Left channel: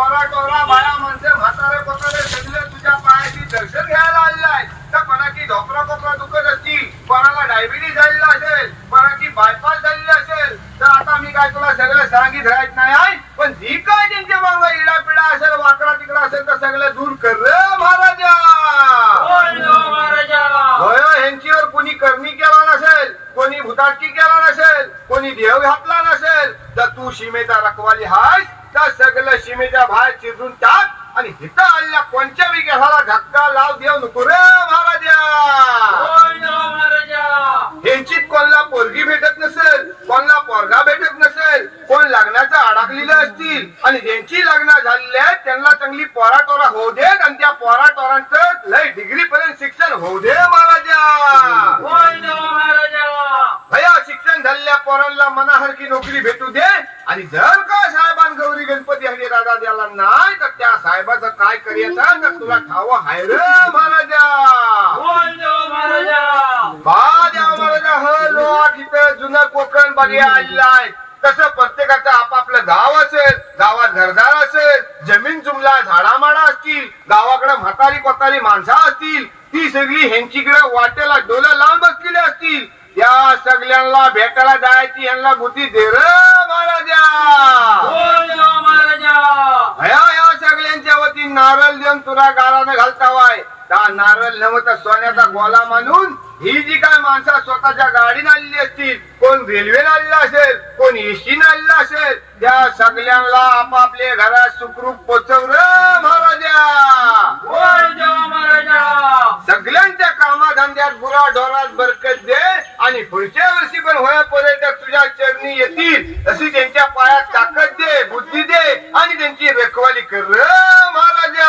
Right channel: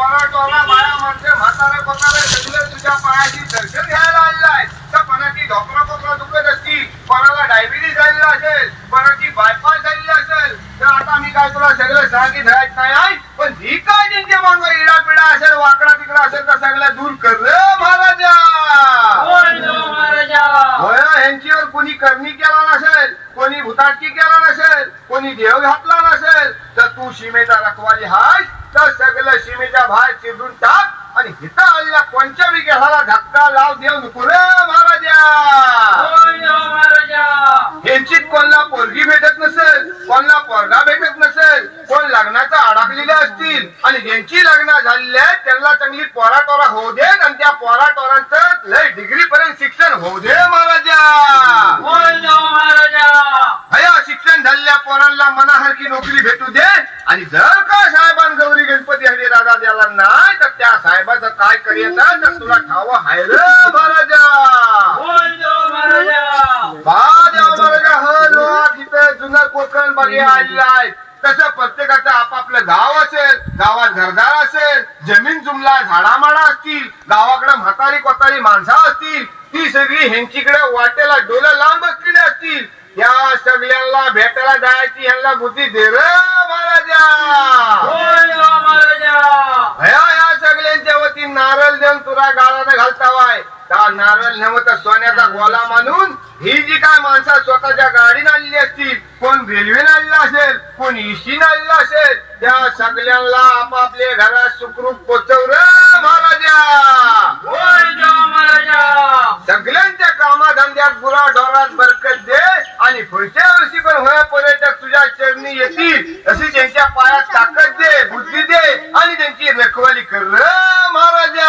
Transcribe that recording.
पोरा टोरा बाया माणसे म्हातारे कोतारे सगळे तुझ्या पायाची दर्शन घ्यायला आलेलाय तर कोणाची ढोकरा कोपरा दुखत असतील. कोणाला डायबिटीस झालेला असेल. कोणाची बायपास झालेली असेल. तर आता मी काय तुला सगळं सांगित राहत नाही आहे? पण जी काय त्यांच्या मागं इडा पिडा असेल वाकडा तिकडा असेल तर सगळं दूर कर महाराजा! होय ह्यांच्यावर कोणी करणी केला नसेल कोणी भूताटकी केला नसेल कोणी देव घातला नसेल तर तू सीमेचा रखवाली हाय तर सगळं सीमेच्या बाहेर चिरून टाक आणि हिथं आलेल्या कोणत्या विकासाला धक्का लाव देव नको रे महाराजा. ह्यांची कोणला पोरगी भेटत नसेल कोणला पोरगा भेटत नसेल कोण लग्नाचं अडकलेले असतील आणि ज्यांची लग्न झालेली आहेत त्यांना चांगली पोरा टोरा होऊ देत आणि त्या पोरा टोरांचं लय डिग्री पर्यंत शिक्षण होऊ दे महाराजा. भया शिक्षण झालेल्या पोरांना मनासारखी नोकरी भेटू दे आणि जर का साहेबान गौरी गणपती हरी दादा द्याला नाही तर त्या साहेबाचं काय करायचं? तर तुला ठाव हाय रे महाराजा बाजा महाराजा ह हो, इथं जुनं कोकण बघे आलेलं आहे. तसं प्रत्येकाचं आपापलं गाव असेल गावात घरदार असेल जमीन जुमला झाडामाडा असतील गावाकडे म्हातारी कोतारी माणसं असतील ती सगळी ह्यांचीकडे वाटेला डोलं लांब असलेली असतील. या सगळ्यांना भेटायला जायची यांना बुद्धी दे रे. या सगळ्यांच्या वती नारळ देऊन तुला गाळानं घालतावाय. त्या नारळ नव्हता सोन्याचा गोला मानून ही जी काय माणसं स्वतःच्या गाडीने आलेली असतील कोण रेल्वेने आलेला असेल कोण इशीने आलेला असेल त्या सगळ्यांना आपापल्या घरात सुखरूप पोचव रे महाराजा. सगळ्यांच्या कामाधंद्यात गुरा ढोरात बरकत दे. आणि पुढच्या वर्षी पण होया पर्यटक तुझ्या चरणी येतील. अशी त्यांच्या पायात ताकद दे बुद्धी दे आणि त्यांची रखवाली कर महाराजा.